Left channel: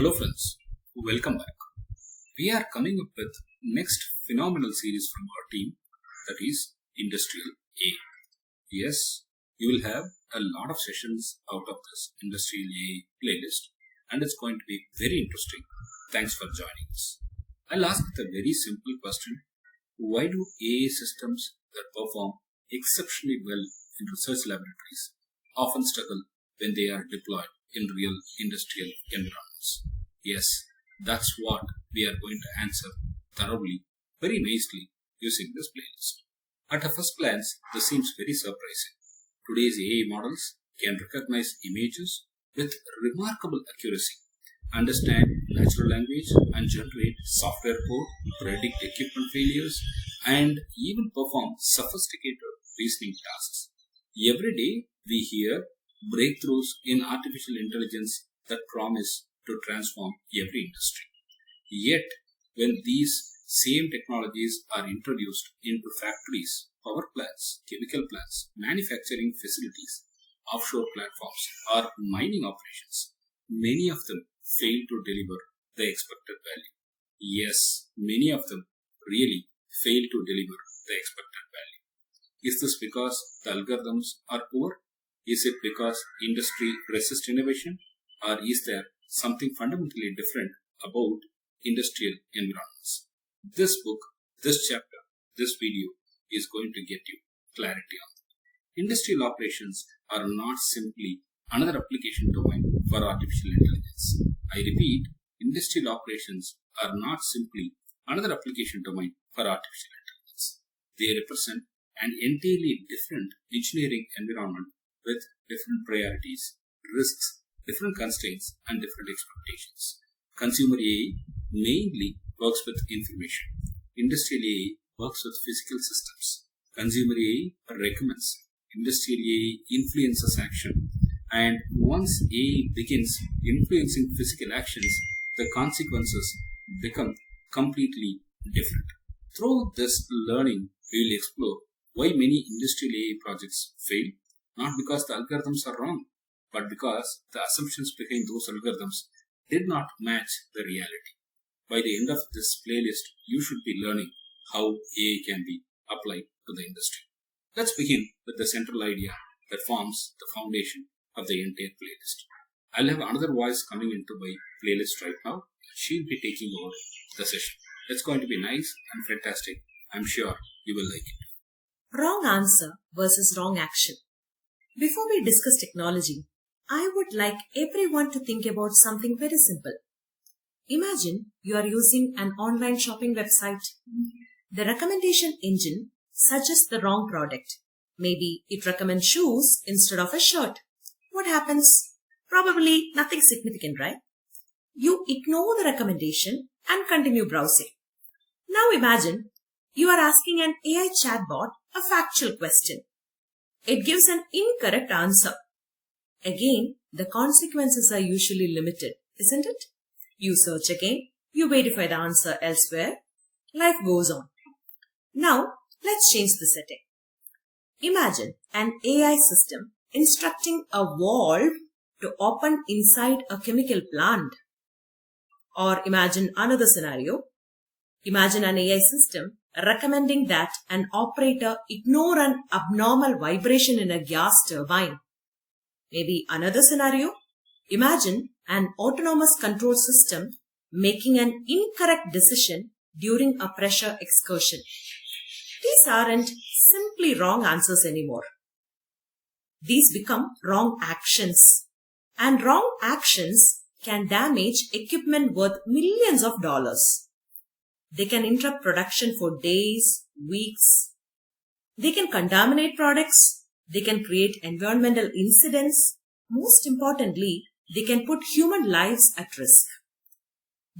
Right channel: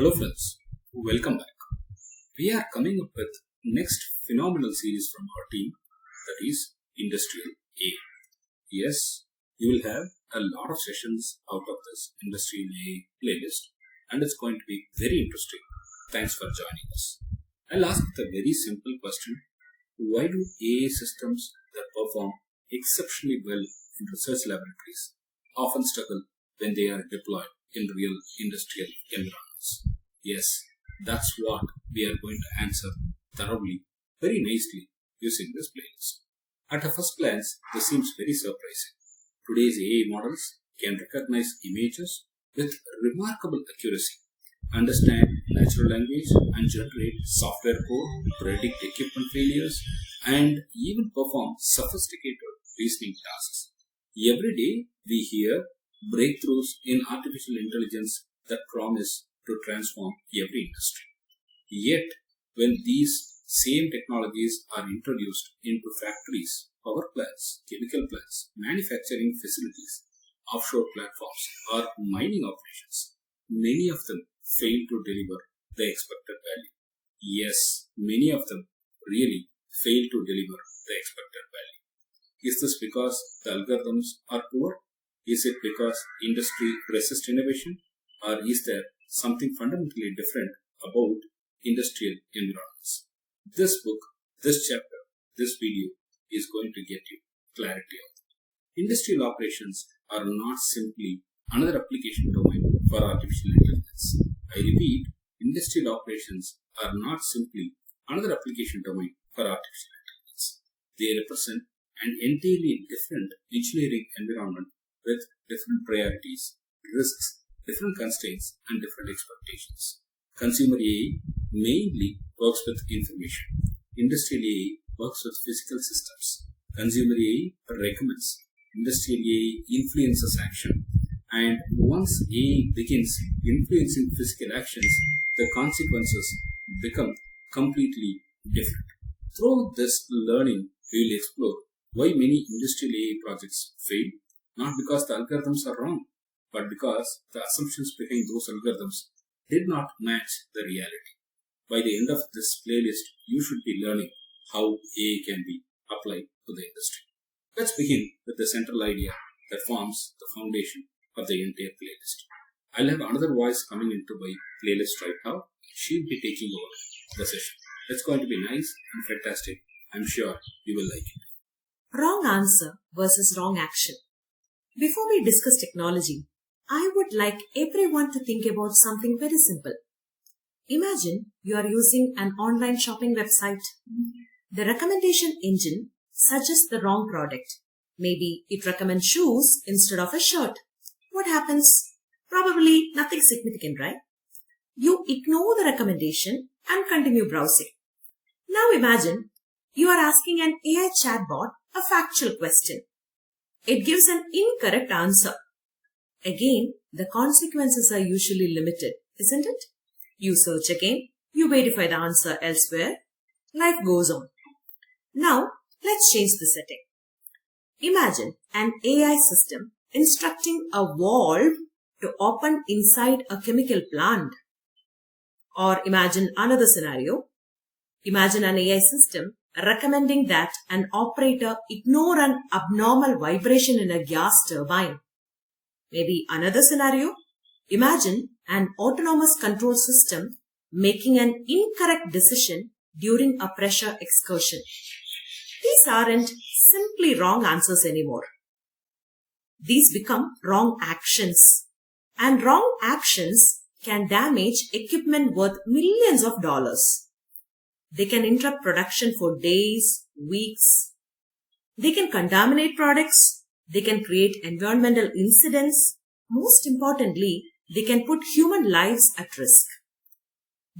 Hello friends, welcome back. We are coming up with next phenomenal series from our team, that is Industrial A. Yes, you will have a lot of sessions out of this Industrial A playlist and it's going to be very interesting. Thanks for joining us. I'll ask with a very simple question. Why do AI systems that perform exceptionally well in research laboratories often struggle when they are deployed in real industrial environments? Yes, that's what we are going to answer thoroughly, very nicely using this playlist. At a first glance, this seems very surprising. Today's AI models can recognize images with remarkable accuracy, understand natural language and generate software code, predict equipment failures, and even perform sophisticated reasoning tasks. Every day we hear breakthroughs in artificial intelligence that promise to transform every industry. Yet, when these same technologies are introduced into factories, power plants, chemical plants, manufacturing facilities, offshore platforms, or mining operations, many of them fail to deliver the expected value. Yes, many of them really fail to deliver the expected value. Is this because the algorithms are poor? Is it because industry resists innovation? Or is there something fundamentally different about industrial environments? This book, this chapter, this video is going to get you clarity on that. Industrial operations are not simply another application domain for artificial intelligence. I repeat, industrial operations are not simply another application domain for artificial intelligence. They represent an entirely different engineering environment with different priorities, risks, different constraints, and different expectations. Consumer AI mainly works with information. Industrial AI works with physical systems. Consumer AI recommends. Industrial AI influences action. And once AI begins influencing physical actions, the consequences become completely different. Through this learning, we will explore why many industrial AI projects fail, not because the algorithms are wrong, but because the assumptions behind those algorithms did not match the reality. By the end of this playlist, you should be learning how AI can be applied to the industry. Let's begin with the central idea that forms the foundation of the entire playlist. I'll have another voice coming into my playlist right now. She'll be taking over the session. It's going to be nice and fantastic. I'm sure you will like it. Wrong answer versus wrong action. Before we discuss technology, I would like everyone to think about something very simple. Imagine you are using an online shopping website. The recommendation engine suggests the wrong product. Maybe it recommends shoes instead of a shirt. What happens? Probably nothing significant, right? You ignore the recommendation and continue browsing. Now imagine you are asking an AI chatbot a factual question. It gives an incorrect answer. Again, the consequences are usually limited, isn't it? You search again, you verify the answer elsewhere, life goes on. Now, let's change the setting. Imagine an AI system instructing a valve to open inside a chemical plant. Or imagine another scenario. Imagine an AI system recommending that an operator ignore an abnormal vibration in a gas turbine. Maybe another scenario. Imagine an autonomous control system making an incorrect decision during a pressure excursion. These aren't simply wrong answers anymore. These become wrong actions. And wrong actions can damage equipment worth millions of dollars. They can interrupt production for days, weeks. They can contaminate products. They can create environmental incidents. Most importantly, they can put human lives at risk.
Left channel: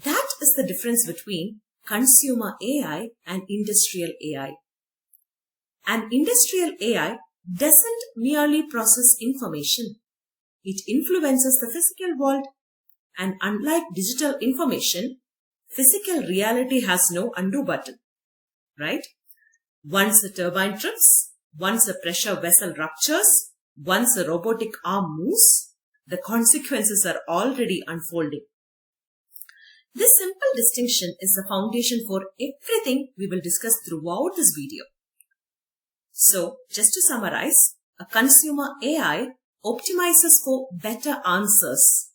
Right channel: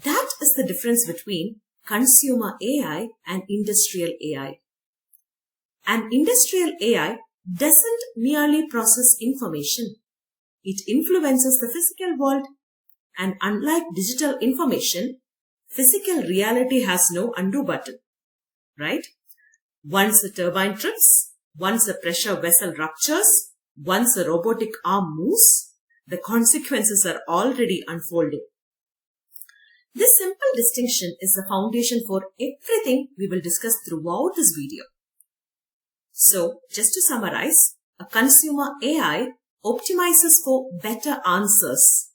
That is the difference between consumer AI and industrial AI. An industrial AI doesn't merely process information. It influences the physical world. And unlike digital information, physical reality has no undo button, right? Once a turbine trips, once a pressure vessel ruptures, once a robotic arm moves, the consequences are already unfolding. This simple distinction is the foundation for everything we will discuss throughout this video. So, just to summarize, a consumer AI optimizes for better answers.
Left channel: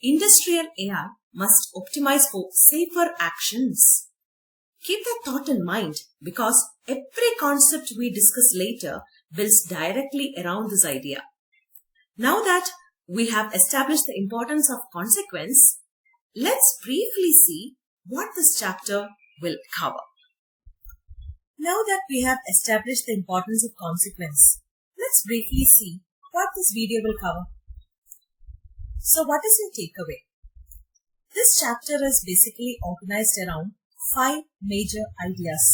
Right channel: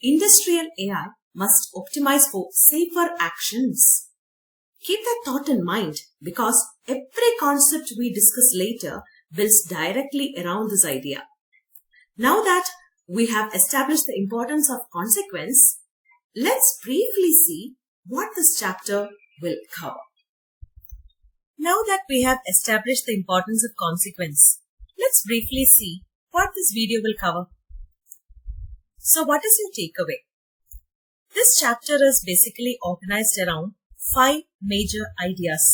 Industrial AI must optimize for safer actions. Keep that thought in mind because every concept we discuss later builds directly around this idea. Now that we have established the importance of consequence, let's briefly see what this chapter will cover. Now that we have established the importance of consequence, let's briefly see what this video will cover. So what is your takeaway? This chapter is basically organized around 5 major ideas:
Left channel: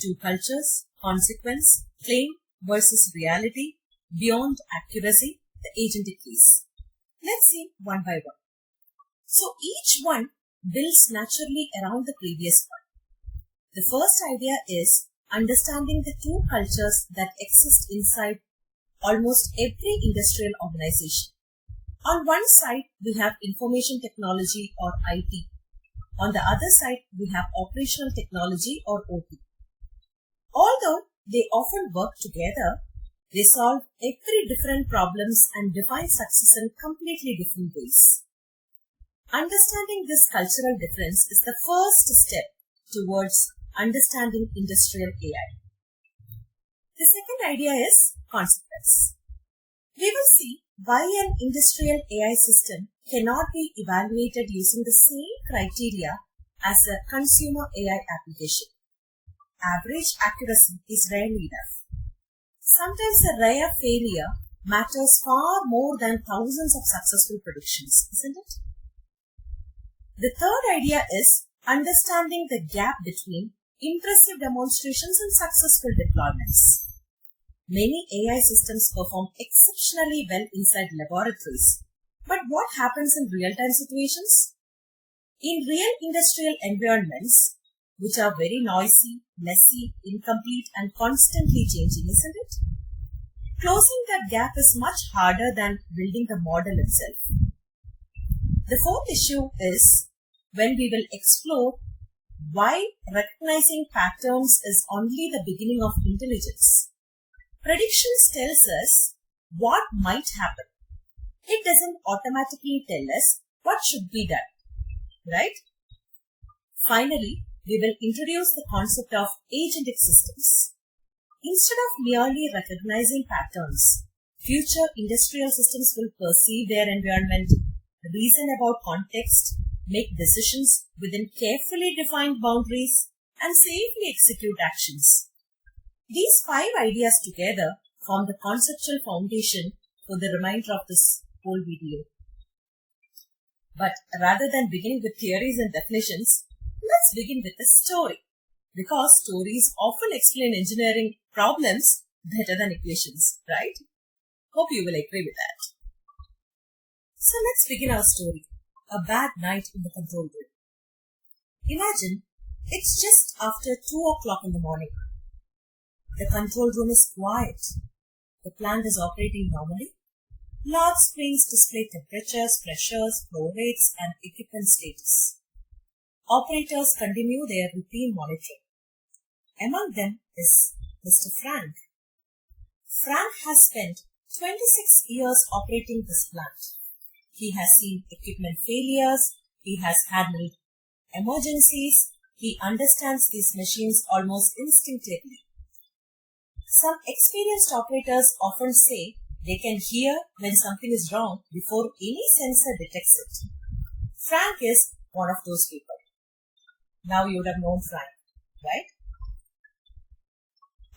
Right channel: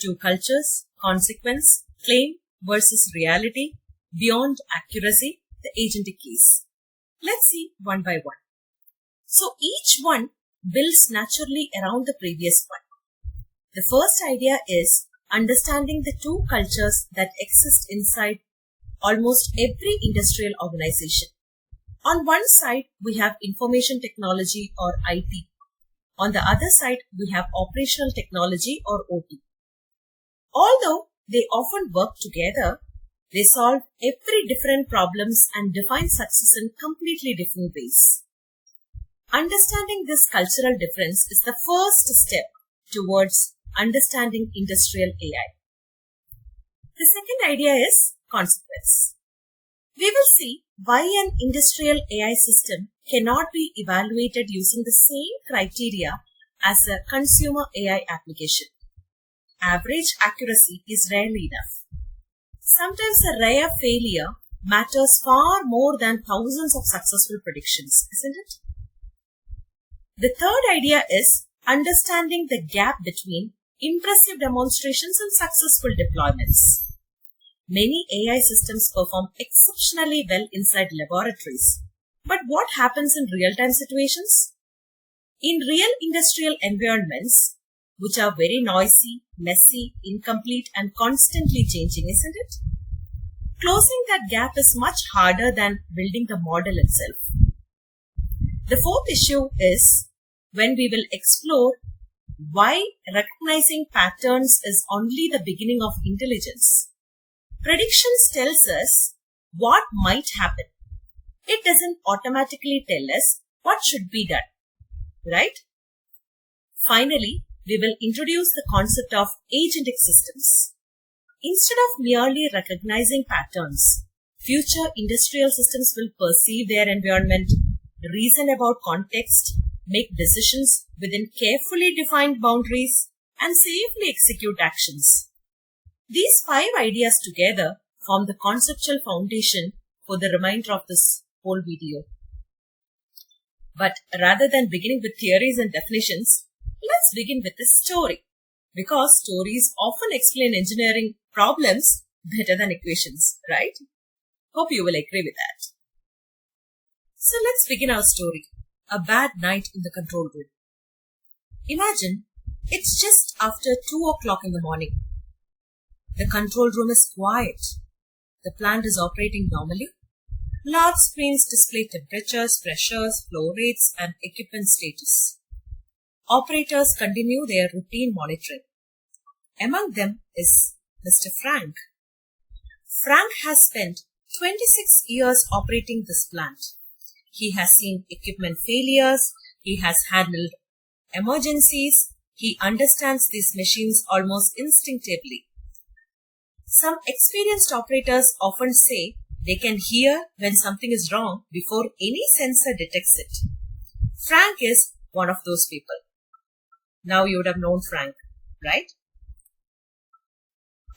2 cultures, consequence, claim versus reality, beyond accuracy, the agentic case. Let's see one by one. So each one builds naturally around the previous one. The first idea is understanding the 2 cultures that exist inside almost every industrial organization. On one side, we have information technology or IT. On the other side, we have operational technology or OT. Although they often work together, they solve every different problems and define success in completely different ways. Understanding this cultural difference is the first step towards understanding industrial AI. The second idea is consequence. We will see why an industrial AI system cannot be evaluated using the same criteria as a consumer AI application. Average accuracy is rarely enough. Sometimes a rare failure matters far more than thousands of successful predictions, isn't it? The third idea is understanding the gap between impressive demonstrations and successful deployments. Many AI systems perform exceptionally well inside laboratories. But what happens in real-time situations? In real industrial environments, which are very noisy, messy, incomplete, and constantly changing, isn't it? Closing that gap is much harder than building the model itself. The fourth issue is when we will explore why recognizing patterns is only the beginning of intelligence. Predictions tells us what might happen. It doesn't automatically tell us what should be done, right? Finally, we will introduce the concept of agentic systems. Instead of merely recognizing patterns, future industrial systems will perceive their environment, reason about context, make decisions within carefully defined boundaries, and safely execute actions. These 5 ideas together form the conceptual foundation for the remainder of this whole video. But rather than beginning with theories and definitions, let's begin with a story, because stories often explain engineering problems better than equations, right? Hope you will agree with that. So let's begin our story. A bad night in the control room. Imagine it's just after 2 o'clock in the morning. The control room is quiet. The plant is operating normally. Large screens display temperatures, pressures, flow rates, and equipment status. Operators continue their routine monitoring. Among them is Mr. Frank. Frank has spent 26 years operating this plant. He has seen equipment failures. He has handled emergencies. He understands these machines almost instinctively. Some experienced operators often say they can hear when something is wrong before any sensor detects it. Frank is one of those people. Now you would have known Frank, right?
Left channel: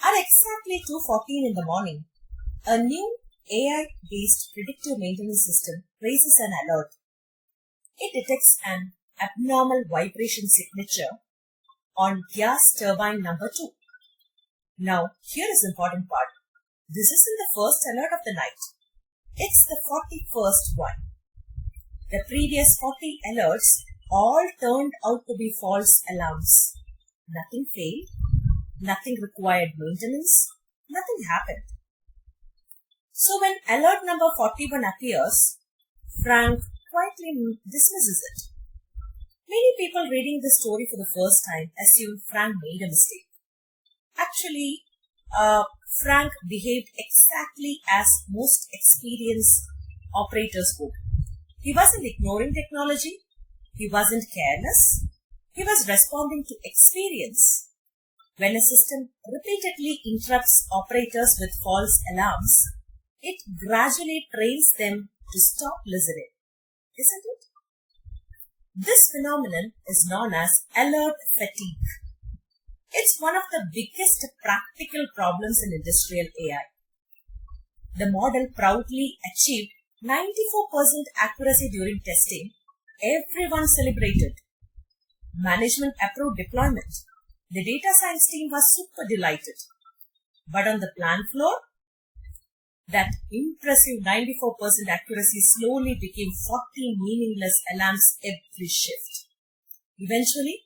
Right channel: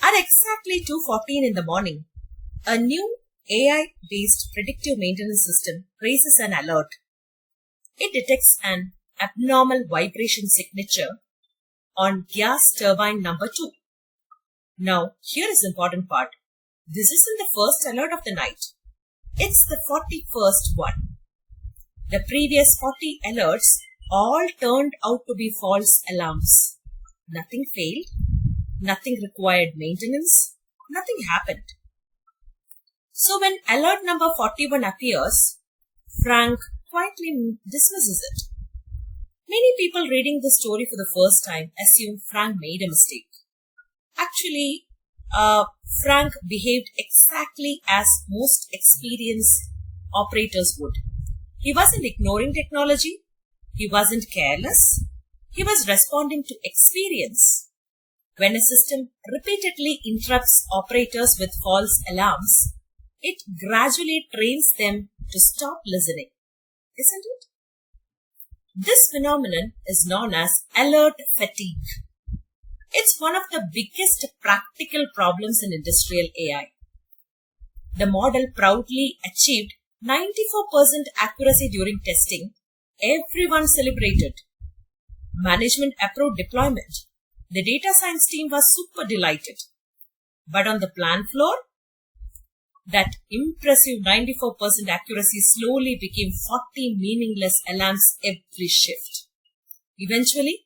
At exactly 2:14 in the morning, a new AI-based predictive maintenance system raises an alert. It detects an abnormal vibration signature on gas turbine number 2. Now, here is the important part. This isn't the first alert of the night. It's the 41st one. The previous 40 alerts all turned out to be false alarms. Nothing failed. Nothing required maintenance. Nothing happened. So when alert number 41 appears, Frank quietly dismisses it. Many people reading this story for the first time assume Frank made a mistake. Actually, Frank behaved exactly as most experienced operators would. He wasn't ignoring technology. He wasn't careless. He was responding to experience. When a system repeatedly interrupts operators with false alarms, it gradually trains them to stop listening, isn't it? This phenomenon is known as alert fatigue. It's one of the biggest practical problems in industrial AI. The model proudly achieved 94% accuracy during testing. Everyone celebrated. Management approved deployment. The data science team was super delighted. But on the plant floor, that impressive 94% accuracy slowly became 40 meaningless alarms every shift. Eventually,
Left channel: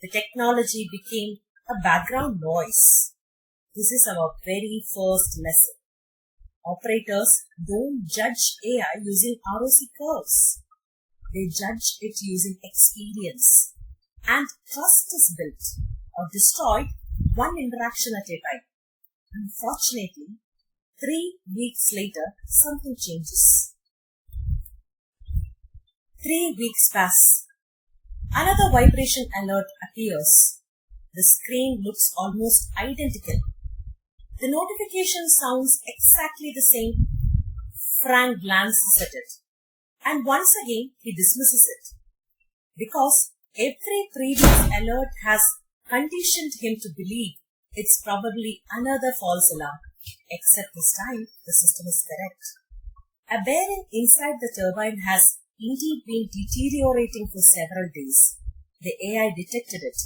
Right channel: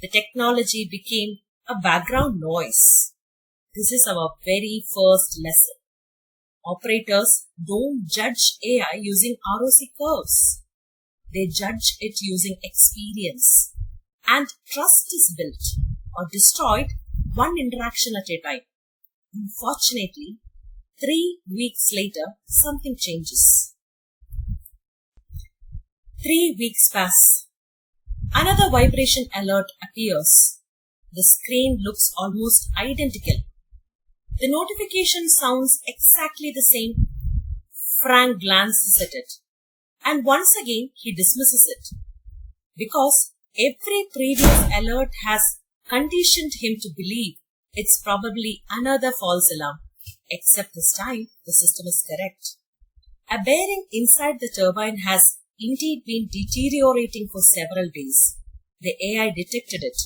the technology became a background noise. This is our very first lesson. Operators don't judge AI using ROC curves. They judge it using experience. And trust is built or destroyed one interaction at a time. Unfortunately, 3 weeks later, something changes. 3 weeks pass. Another vibration alert appears. The screen looks almost identical. The notification sounds exactly the same. Frank glances at it. And once again, he dismisses it. Because every previous alert has conditioned him to believe it's probably another false alarm. Except this time, the system is correct. A bearing inside the turbine has indeed been deteriorating for several days. The AI detected it.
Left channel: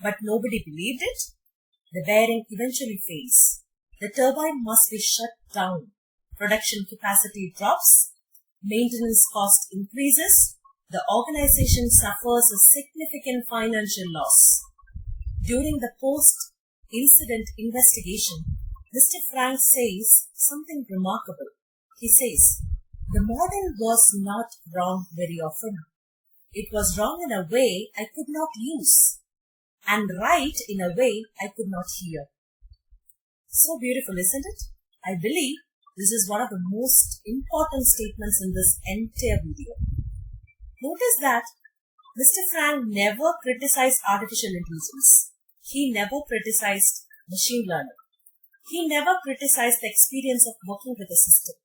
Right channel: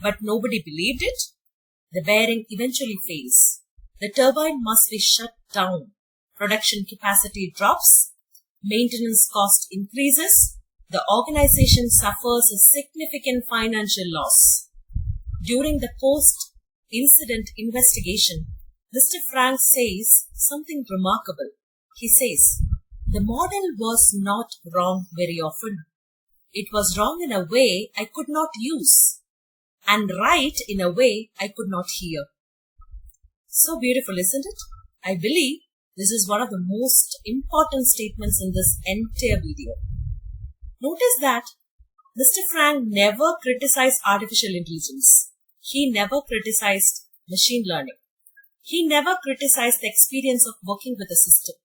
But nobody believed it. The bearing eventually fails. The turbine must be shut down. Production capacity drops. Maintenance cost increases. The organization suffers a significant financial loss. During the post-incident investigation, Mr. Frank says something remarkable. He says, the model was not wrong very often. It was wrong in a way I could not use, and right in a way I could not hear. So beautiful, isn't it? I believe this is one of the most important statements in this entire video. Notice that Mr. Frank never criticized artificial intelligence. He never criticized machine learning. He never criticized the experience of working with a system.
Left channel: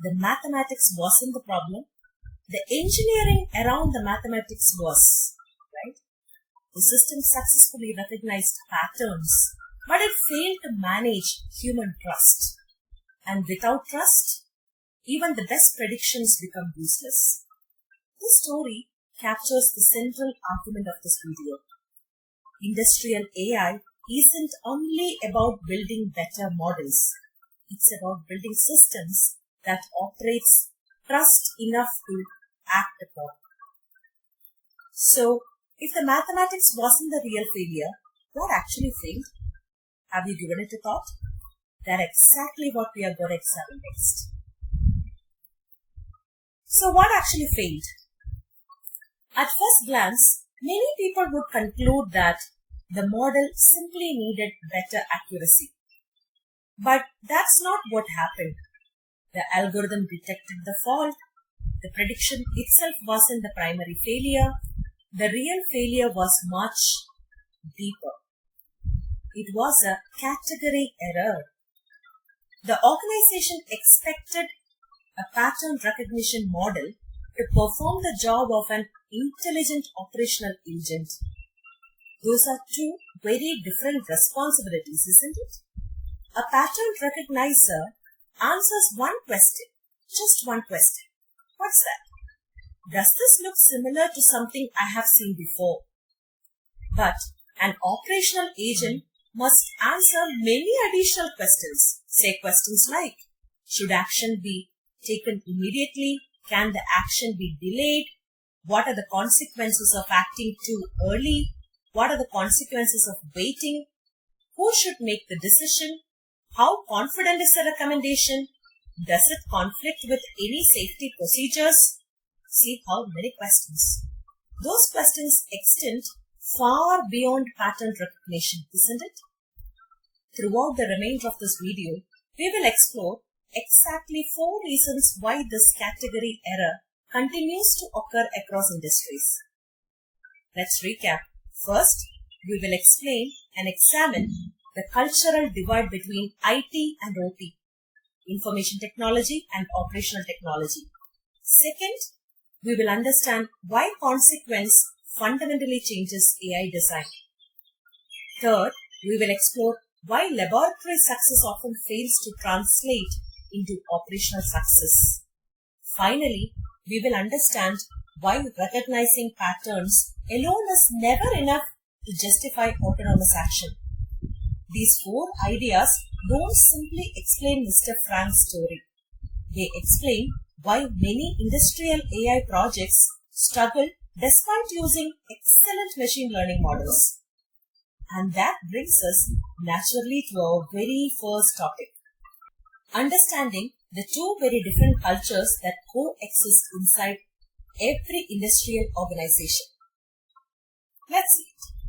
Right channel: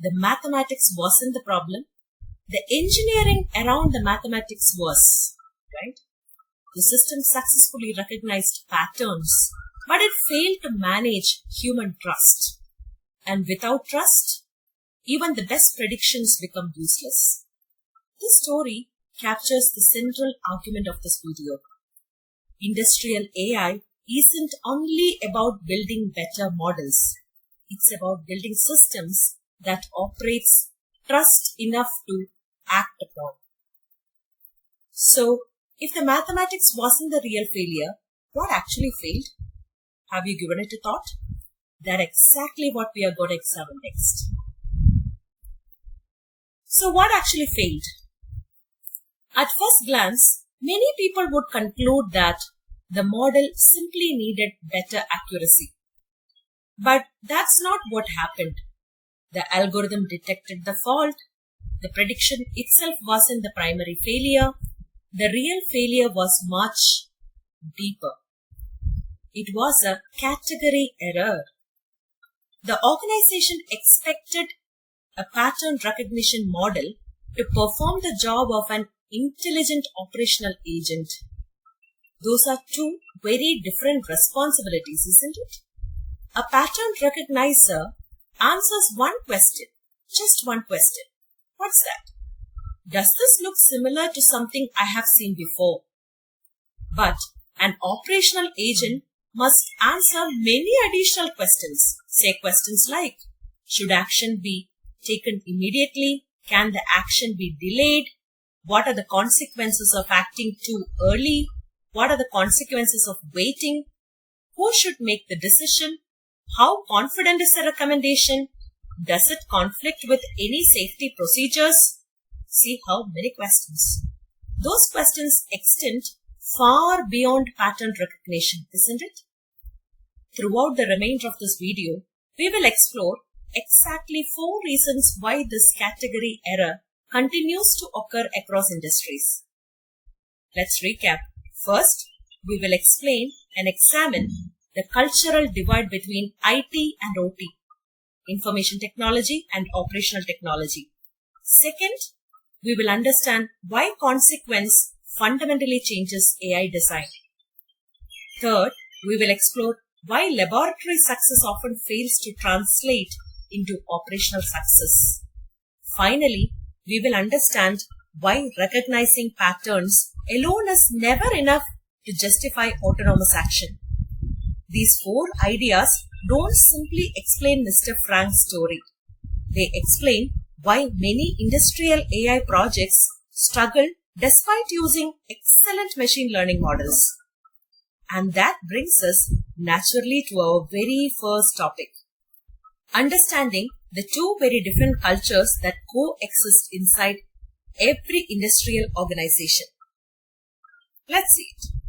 The mathematics wasn't the problem. The engineering around the mathematics was, right? The system successfully recognized patterns, but it failed to manage human trust. And without trust, even the best predictions become useless. This story captures the central argument of this video. Industrial AI isn't only about building better models. It's about building systems that operates trust enough to act upon. So, if the mathematics wasn't the real failure, what actually failed? Have you given it a thought? That's exactly what we are going to examine next. So, what actually failed? At first glance, many people would conclude that the model simply needed better accuracy. But that's not what happened. The algorithm detected the fault. The prediction itself wasn't the primary failure. The real failure was much deeper. It was a category error. The organization expected a pattern recognition model to perform the job of an intelligent operational agent. Those are two very different responsibilities, isn't it? A pattern recognizer answers one question, just one question. What's that? Does this look similar to something I have seen before? But an operational agent must answer many additional questions. Say questions like, should action be taken immediately? Can the action be delayed? What are the consequences of acting too early? What are the consequences of waiting? Who should make the decision? How confident is the recommendation? Does it conflict with any safety procedures? See how many questions. Those questions extend far beyond pattern recognition, isn't it? Throughout the remainder of this video, we will explore exactly 4 reasons why this category error continues to occur across industries. Let's recap. First, we will explain and examine the cultural divide between IT and OT, information technology and operational technology. Second, we will understand why consequence fundamentally changes AI design. Third, we will explore why laboratory success often fails to translate into operational success. Finally, we will understand why recognizing patterns alone is never enough to justify autonomous action. These 4 ideas don't simply explain Mr. Frank's story. They explain why many industrial AI projects struggle despite using excellent machine learning models. And that brings us naturally to our very first topic. Understanding the 2 very different cultures that coexist inside every industrial organization. Let's see it.